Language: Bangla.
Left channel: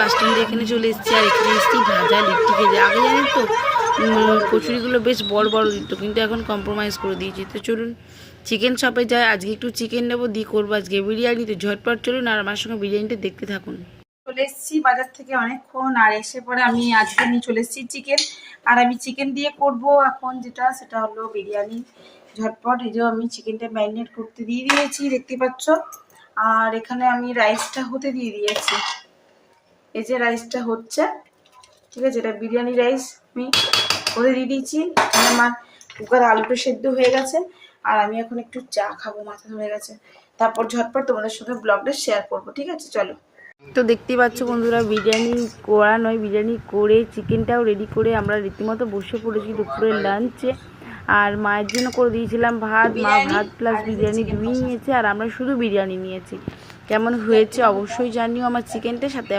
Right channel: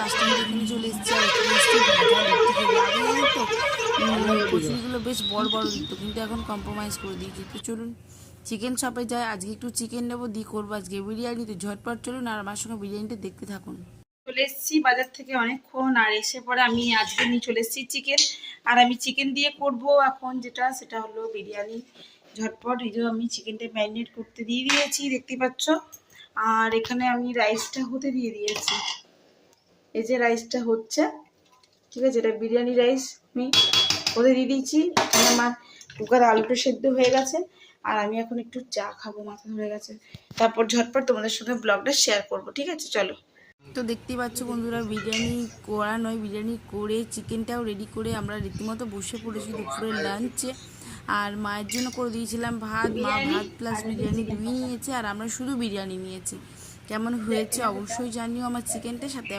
বাস স্ট্যান্ডে এখানে চলে এসেছি, আর এখানে এসেছি ভাজা লিট্টি খেতে। আগে জানেন তো কচুরিগুলো বেশ বড় বড় দিত, কিন্তু এখন কম্প্রোমাইজ করে দিয়েছি। তো চলুন চিকেন শপে যাই, আজকে একটু চিকেন নেবো, দিয়ে করবো আজকে বিরিয়ানি। তো ঝটপট চলুন আর আমার সঙ্গে বিরিয়ানিটা দেখতে থাকুন। চলে এসেছি বাজার থেকে অনেকক্ষণ, আর এসে পরে আমি আজকে নিয়ে চলে এসেছি চিকেন। আর আমি চিকেন দিয়ে করব এখন যেটা, সেটা হলো বিরিয়ানি। ঝটপট এই যে আমি চিকেনটা ম্যারিনেট করতে দিয়ে দিয়েছি, দেখতে পাচ্ছ। আর এখানে আমি রাইসটা হতে দিয়ে দিয়েছি, এই যে রাইসটা হচ্ছে, ঠিক আছে, এটা বিরিয়ানি রাইস আমি হতে দিয়ে দিয়েছি। এখানে আমার কুকারে আলুটা সেদ্ধ হয়ে গেছে, আর আমি এখন একটু চা খাবো, মাথা ধরে গেছে। তারপর ঝটপট তোমাদের সঙ্গে ব্লগটা শেয়ার করবো, ঠিক আছে চলো। তো দেখতেই পাচ্ছ বন্ধুরা, বিরিয়ানি করা নয়, বিরিয়ানি করে চিকেনটাও রেডি করে আমরা রীতিমতো বসে পড়েছি দুপুরের লাঞ্চে। আর মায়ের জন্য করে দিয়েছিলাম ভাত, মা ভাত প্লাস বিরিয়ানি দুই নিয়েছে, আর আমরা শুধু বিরিয়ানি নিয়েছি। কেমন হয়েছে অবশ্যই জানিও আমার চিকেনটার সাথে।